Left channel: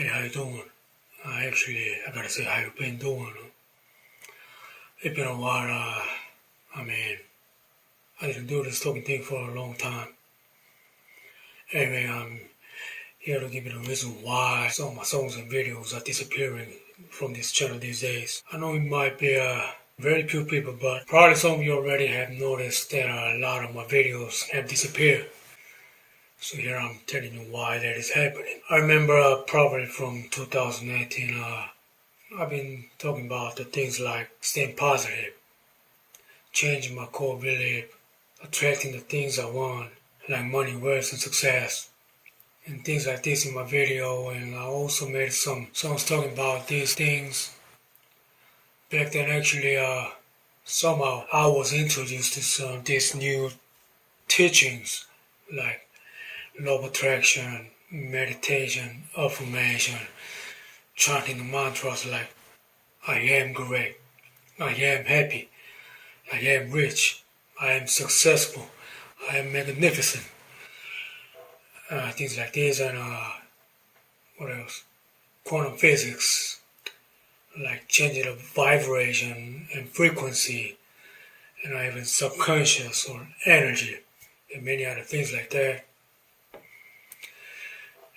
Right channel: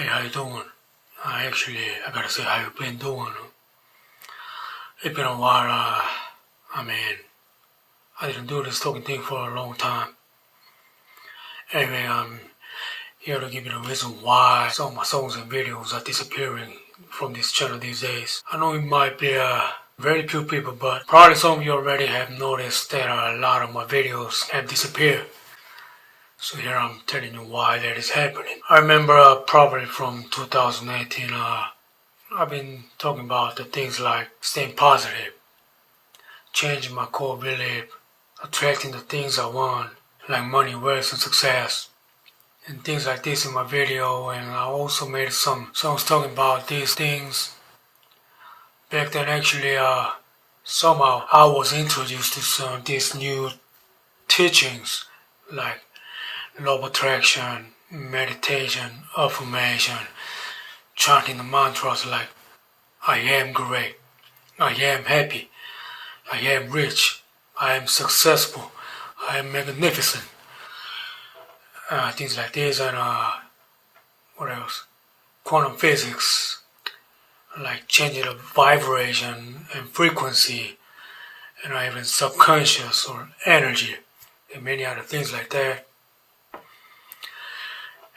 Hey, how you doing? I gotta say, how you been doing? It's been a while. I didn't do this talking thing for a long time. Anyway, I'm here to give you the reason why some of my songs and videos are disappearing from this channel these days. I know it might be very few people, but probably some of you already have noticed that a lot of my videos have disappeared. So here I'm telling you why that is happening. I remember probably from 2018, I've been talking about the things like staying positive, changing my core belief, attracting the things I want, like money, wealth, and success, and things like this in my video. And I also made some songs talking about these things. Back then, actually, somehow I was introduced to some of these new teachings, like law of attraction, meditation, affirmation, chanting the mantras like I am great, I am happy, I am rich, I am successful, I am magnificent. Things like this, and what else? Quantum physics, like changing the vibration and frequency, and even subconscious or energy, and many other things like that.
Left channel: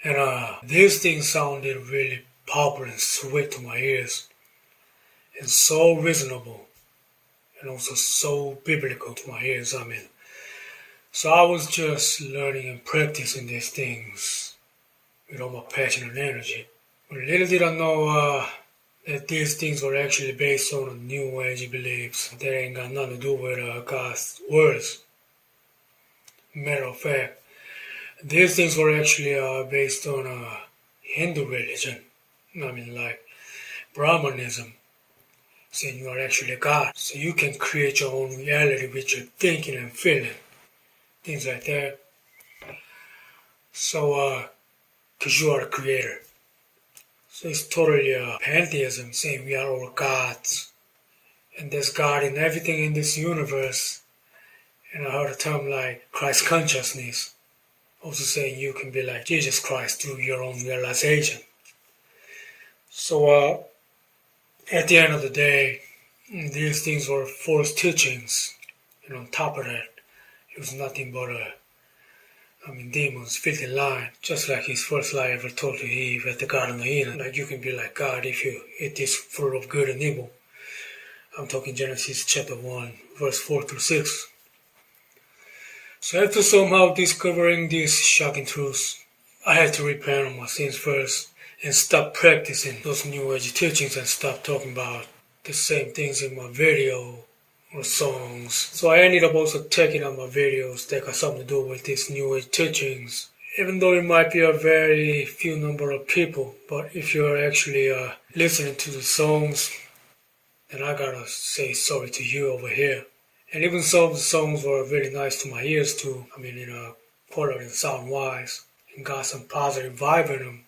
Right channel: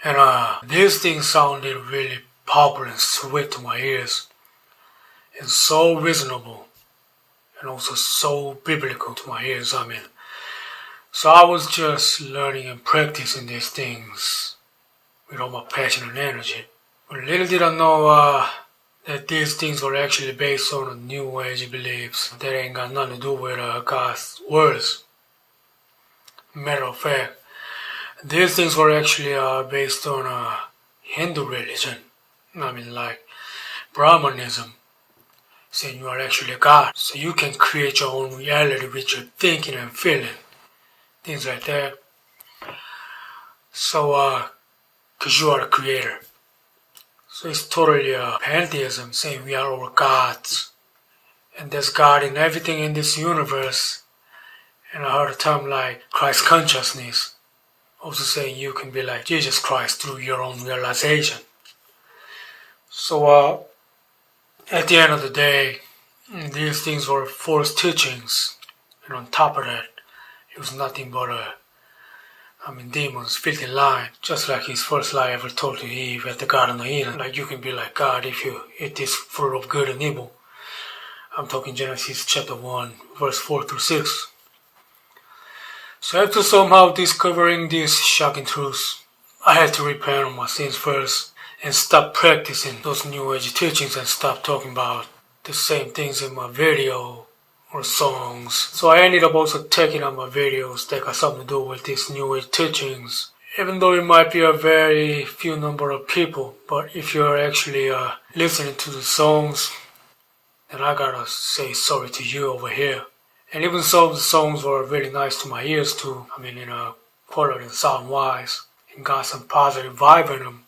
And these things sounded really popular and sweet to my ears, and so reasonable, and also so biblical to my ears. So I was just learning and practicing these things with all my passion and energy. But little did I know that these things were actually based on New Age beliefs that ain't got nothing to do with God's words. Matter of fact, these things were actually based on Hindu religion. Like Brahmanism, saying you are actually a god. So you can create your own reality with your thinking and feeling. Things like that. So, because you are the creator. So it's totally pantheism, saying we are all gods. And there's God in everything in this universe. And I heard a term like Christ consciousness. Also saying you can be like Jesus Christ through your own realization. So at the end of the day, these things were false teachings. And on top of that, it was nothing but demons, filthy lying. Just like his first lie ever told to Eve at the Garden of Eden. Like you can be like God if you eat this fruit of good and evil. I'm talking Genesis chapter 1, verse 4 through 6. So after somehow discovering these shocking truths, I had to repent of my sins first and stop practicing those New Age teachings and stop talking about the same things in my video or songs. So I ended up also taking out my videos that got something to do with these New Age teachings. Even though it might be a very few number of people, but if you're actually listening to the songs, then I gotta say sorry to you over here. And even some of the songs were really nice to my ears too. Quality and sound wise, and got some positive vibe in them.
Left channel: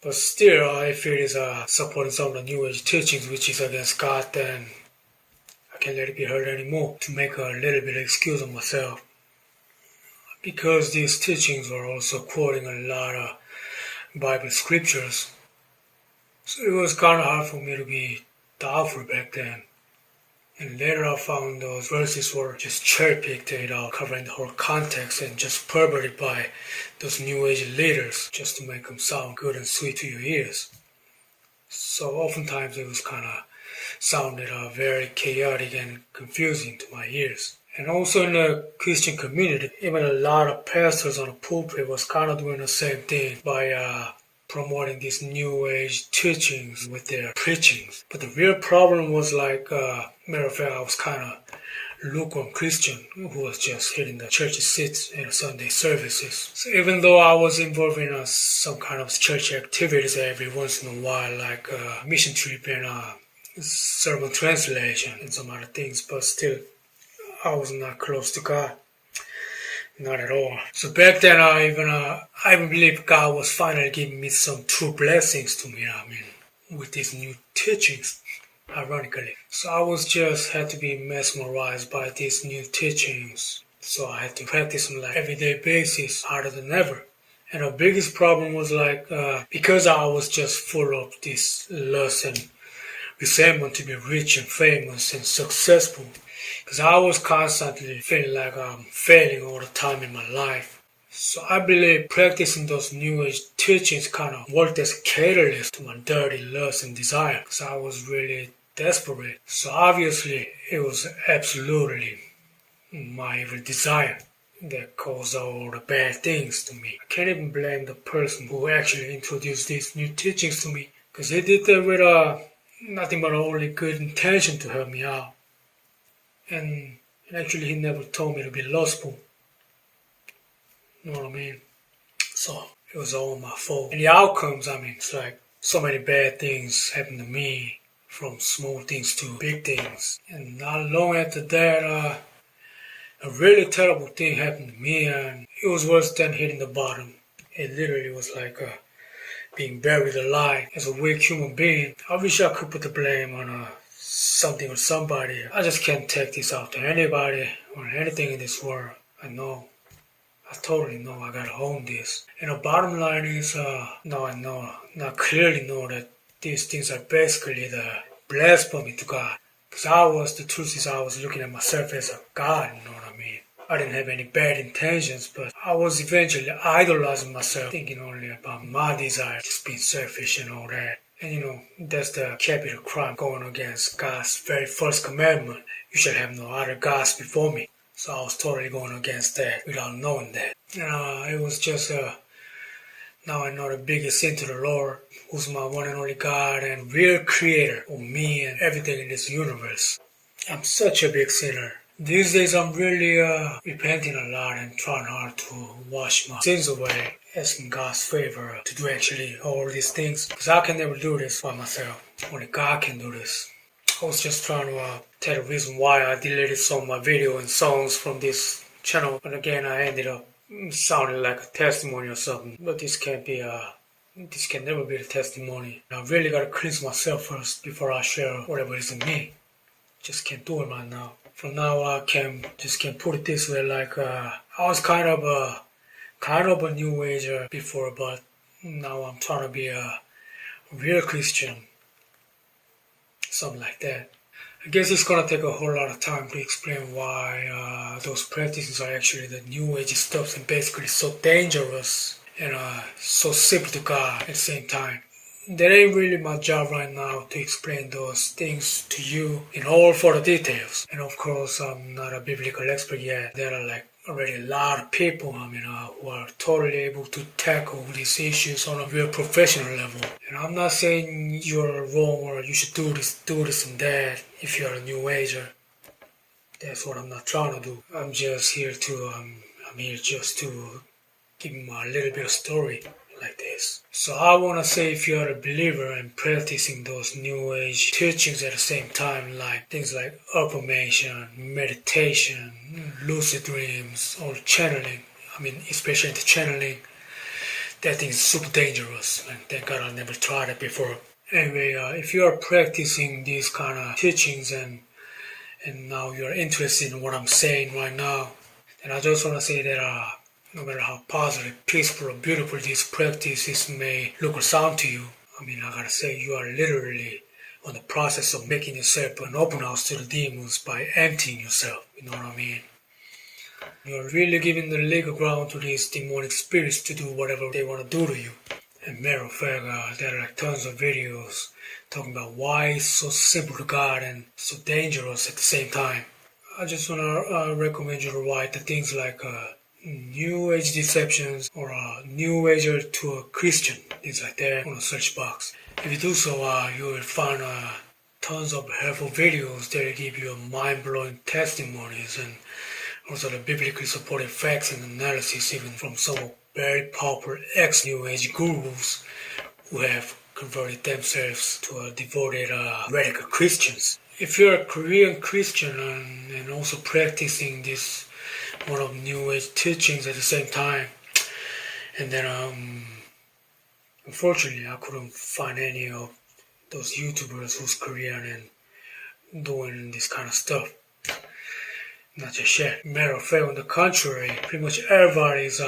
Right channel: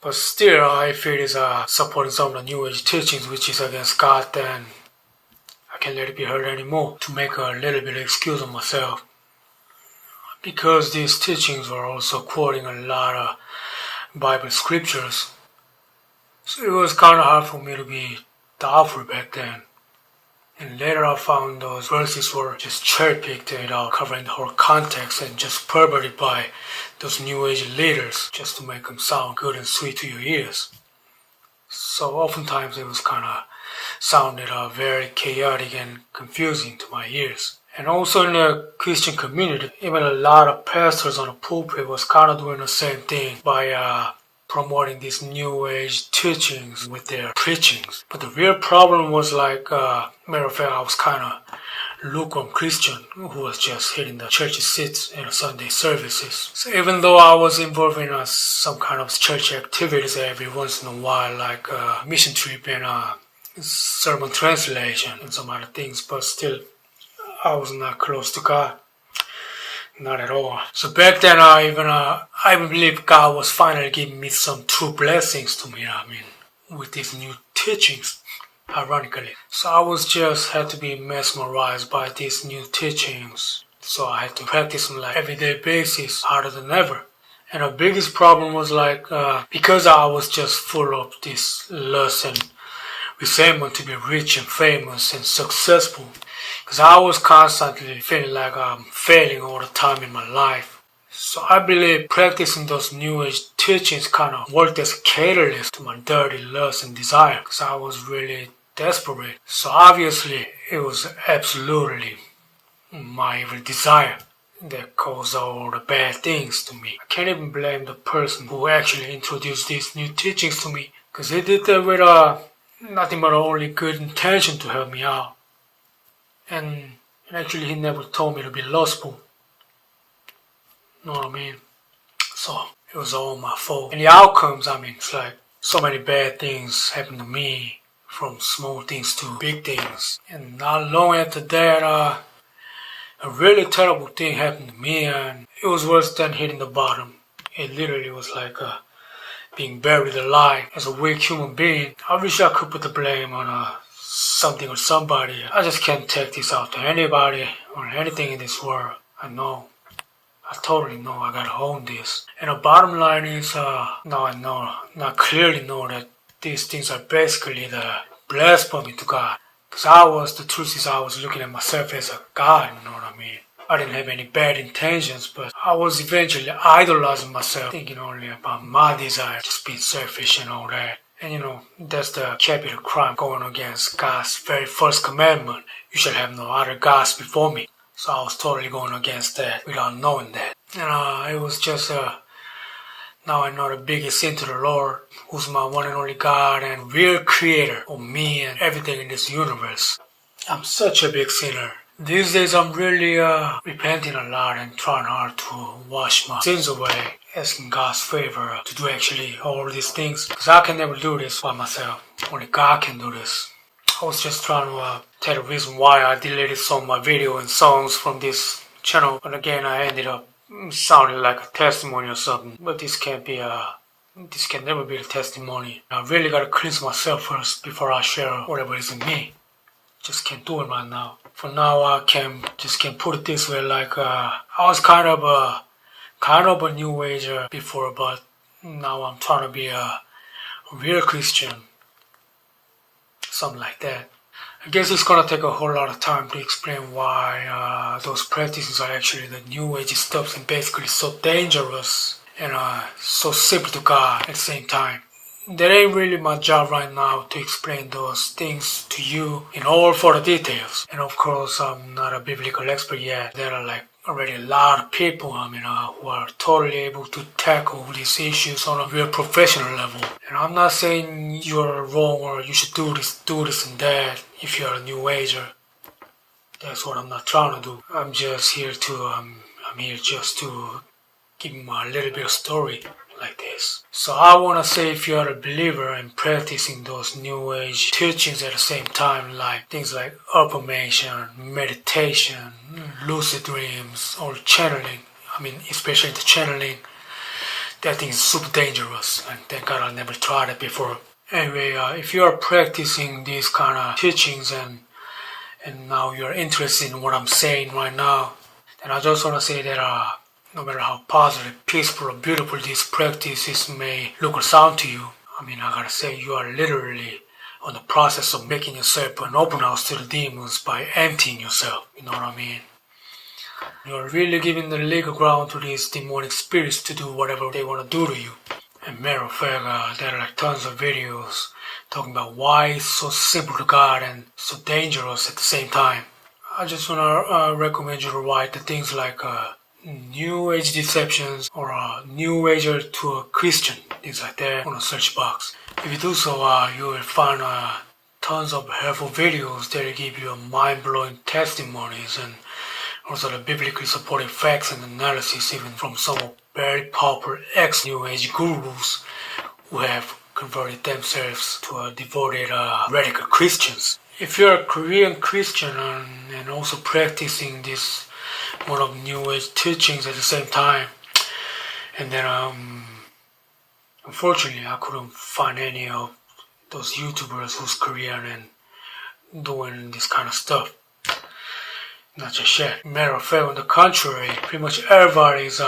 But still, if it is supporting some of the New Age teachings, which is against God, then I can't let it be heard anymore. To make a little bit of excuse of myself, because these teachings were also quoting a lot of Bible scriptures, so it was kind of hard for me to be doubtful back then. And later I found those verses were just cherry-picked without covering the whole context and just perverted by those New Age leaders just to make them sound good and sweet to your ears. So oftentimes it was kind of sounded very chaotic and confusing to my ears. And also in the Christian community, even a lot of pastors on the pulpit was kind of doing the same thing by promoting these New Age teachings with their preachings. But the real problem was matter of fact, I was kind of lukewarm Christian who was just hitting the church seats in the Sunday services. So even though I was involved in some kind of church activities every once in a while, like mission trip and sermon translation and some other things, but still I was not close to God. Not at all. So back then, I believe God was finally giving me some true blessings to me. With these new teachings, ironically. So I was just had to be mesmerized by these new teachings. So I had to practice them like everyday basis, harder than ever. And the biggest problem was like, because I was just full of this lust and resentment to be rich and famous and successful. Because I was constantly feeling like I'm failing all the time in my life. So I believe practicing those New Age teachings kind of worked as a catalyst to my dirty lust and desire. Because I was really desperate. So obviously it was absolutely my evil desire that caused all the bad things to me. I can't even blame the person who actually introduced these new teachings to me, because he did that with nothing but only good intention to help me out. And actually he never told me to be lustful. Know what I mean? So it was all my fault. And the outcomes, I mean, it's like so many bad things happened to me, from small things to big things. And not long after that, a really terrible thing happened to me, and it was worse than hitting the bottom. It literally was like being buried alive. As a weak human being, I wish I could put the blame on something or somebody. I just can't take this out to anybody or anything in this world. I totally know I gotta own this. And the bottom line is, now I clearly know that these things are basically the blasphemy to God. Because the truth is I was looking at myself as a god, you know what I mean? I didn't have any bad intentions, but I was eventually idolizing myself, thinking only about my desire, just being selfish and all that. And that's the capital crime, going against God's very first commandment. You shall have no other gods before me. So I was totally going against that without knowing that. And it was just now I know the biggest sin to the Lord, who's my one and only God and real creator of me and everything in this universe. I'm such a big sinner. These days I'm really repenting a lot and trying hard to wash my sins away, asking God's favor to do actually all these things. Because I can never do this by myself. Only God can do this. I was just trying to tell the reason why I deleted some of my video and songs from this channel. But again, I ended up sounding like a testimony or something. But this can never be a testimony. I really gotta cleanse myself first before I share whatever is in me. Just can't do it right now. For now, I can put it this way, like I was kind of a new ager before, but now I'm trying to be a real Christian. Something like that. I guess it's gonna take a whole lot of time to explain why those practices are actually the new age stuff and basically so dangerous and so simple to God at the same time. That ain't really my job right now to explain those things to you in all further details. And of course, I'm not a biblical expert yet. There are like already a lot of people, who are totally able to tackle these issues on a real professional level. And I'm not saying you're wrong or you should do this and that if you're a new ager. That's what I'm not trying to do. I'm here just to give you a little bit of story like this. So I want to say, if you're a believer and practicing those new age teachings at the same time, like things like affirmation, meditation, lucid dreams, or channeling, especially the channeling, that thing is super dangerous, and thank God I never tried it before. Anyway, if you are practicing these kind of teachings and now you're interested in what I'm saying right now, then I just want to say that no matter how positive, peaceful, or beautiful these practices may look or sound to you, I gotta say, you are literally on the process of making yourself an open house to the demons by emptying yourself, you know what I mean? You're really giving the legal ground to these demonic spirits to do whatever they want to do to you. And matter of fact, there are like tons of videos talking about why it's so simple to God and so dangerous at the same time. I just want to recommend you to write the things like New Age deceptions or a New Ager to a Christian, things like that, on a search box. If you do so, you will find tons of helpful videos that will give you mind-blowing testimonies and also the biblically supported facts and analysis, even from some very popular ex-New Age gurus who have converted themselves to devoted radical Christians. If you're a Korean Christian and also practicing this one of New Age teachings at the same time, and then unfortunately I couldn't find any of those YouTubers who's Korean and doing this kind of stuff. Not just yet. Matter of fact, on the contrary, pretty much everybody's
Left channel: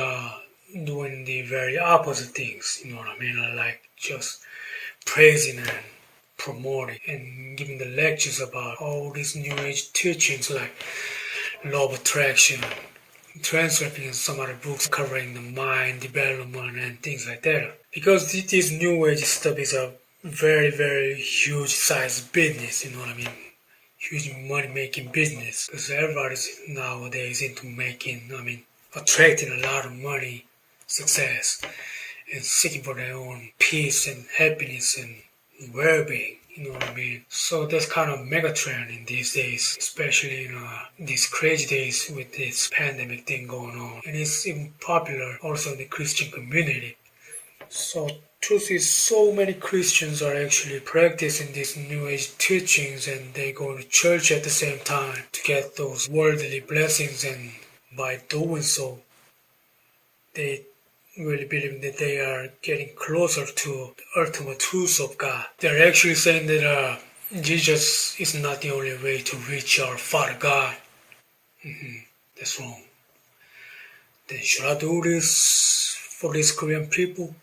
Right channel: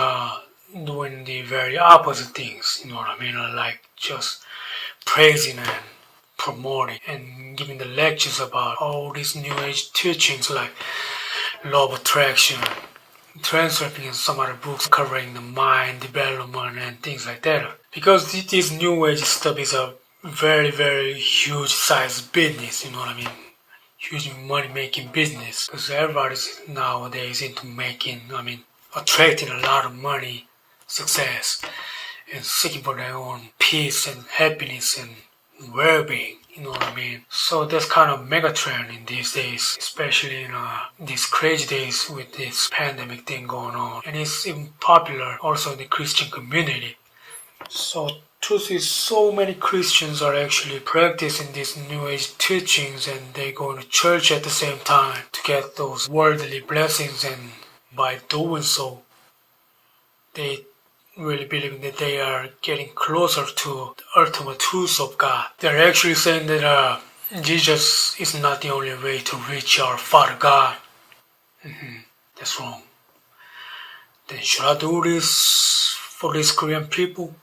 doing the very opposite things, you know what I mean? Like just praising and promoting and giving the lectures about all these new age teachings like law of attraction, translating in some other books covering the mind development and things like that. Because this new age stuff is a very, very huge size business, you know what I mean? Huge money making business. Because everybody's nowadays into attracting a lot of money, success, and seeking for their own peace and happiness and well-being. You know what I mean? So that's kind of mega trend in these days, especially in these crazy days with this pandemic thing going on. And it's even popular also in the Christian community. So truth is, so many Christians are actually practicing these New Age teachings and they go to church at the same time to get those worldly blessings, and by doing so, they really believe that they are getting closer to the ultimate truth of God. They're actually saying that Jesus is not the only way to reach our Father God. That's wrong. Then should I do this for these Korean people?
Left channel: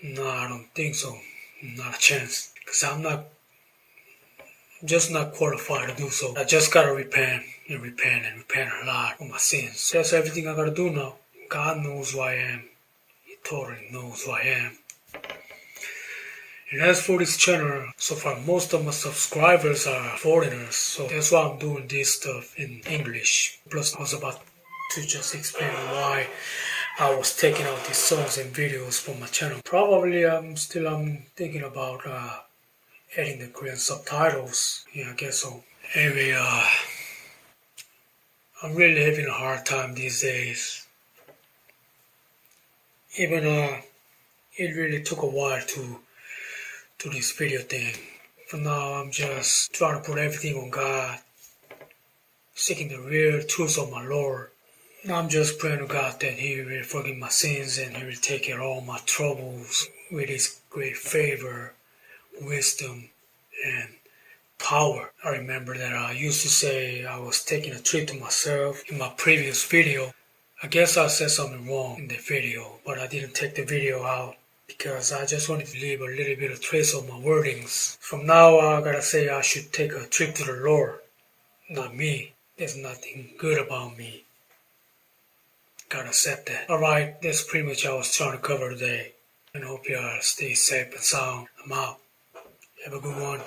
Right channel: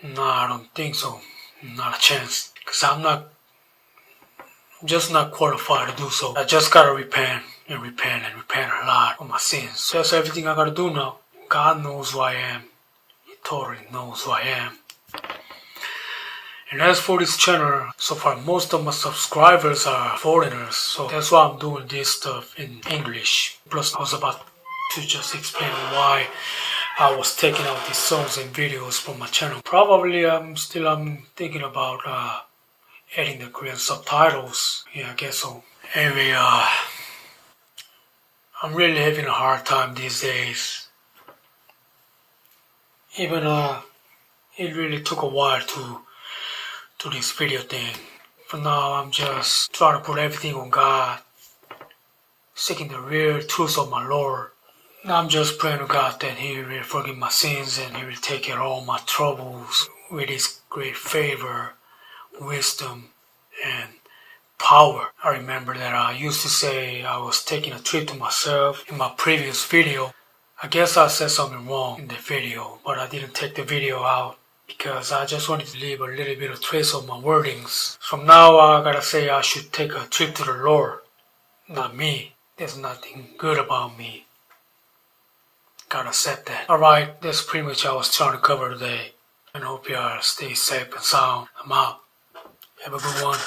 No, I don't think so. Not a chance. Because I'm just not qualified to do so. I just gotta repent and repent and repent a lot of my sins. That's everything I gotta do now. God knows who I am. He totally knows who I am. And as for this channel, so far most of my subscribers are foreigners, so that's why I'm doing this stuff in English. Plus I was about to just explain why I was taking out these songs and videos from my channel. Probably I'm thinking about adding the Korean subtitles. Yeah, I guess so. Anyway, I'm really having a hard time these days. Even it really took a while to do this video thing. For now, I'm just trying to put everything on God, seeking the real truth of my Lord. I'm just praying to God that He will forgive my sins and He will take care of all my troubles with His great favor, wisdom, and power. I remember that I used to say I was taking a treat to myself in my previous video. I guess I said something wrong in the video, but I didn't take the video out because I just wanted to leave a little bit of trace of my wordings. From now I gotta say I should take a trip to the Lord, not me. There's nothing good about me. Gotta accept that. Alright, that's pretty much what I was trying to cover today. And hope y'all stay safe and sound. I'm out. Have a good one.